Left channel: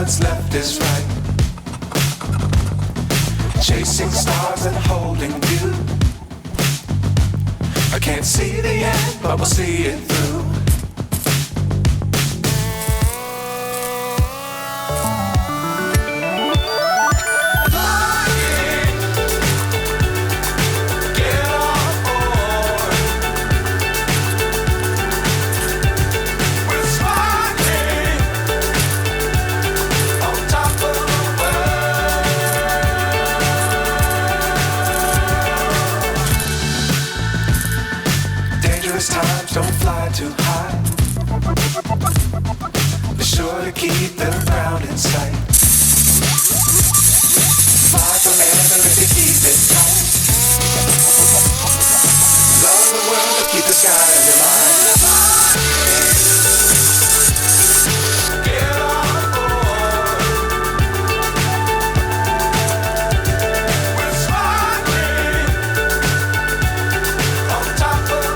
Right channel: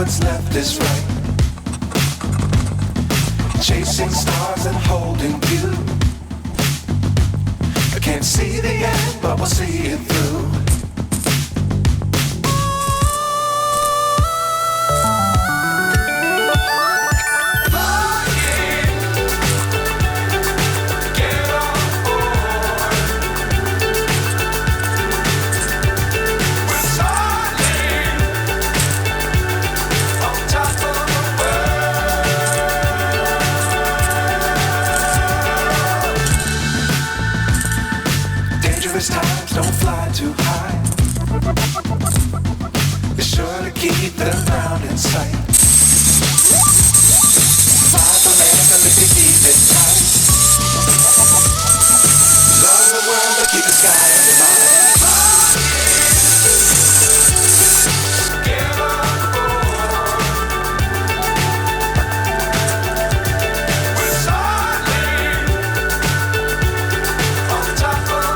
what's left is right. Chasing stars and holding you. I can't see the end, but we'll see it through. Times don't fly too high. Be sure to keep the ground in sight. Fly forever if you keep it tight. Love the world but keep the sky on your mind. Get on board. We're soaring on top of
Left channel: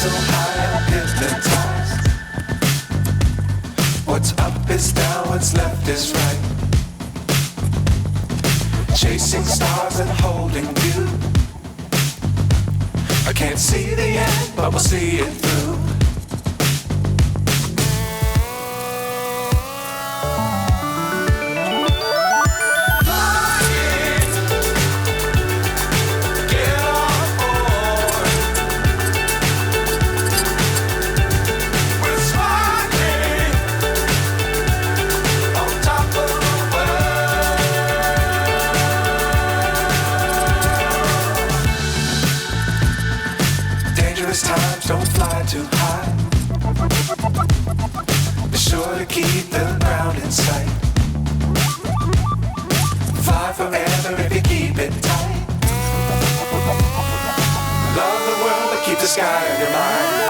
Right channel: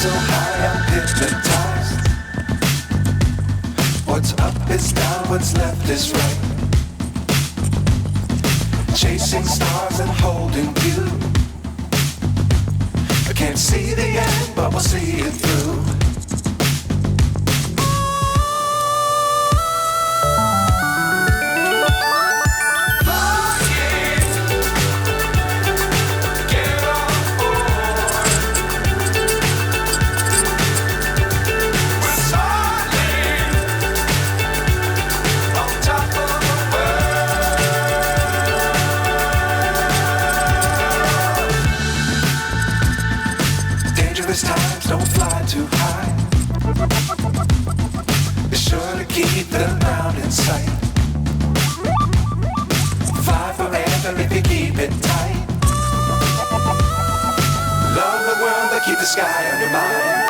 so high I'm hypnotized. What's up is down, what's left is right. Chasing stars and holding you. I can't see the end, but we'll see it through. Times don't fly too high. Be sure to keep the ground in sight. Fly forever if you keep it tight. Love the world but keep the sky on your mind.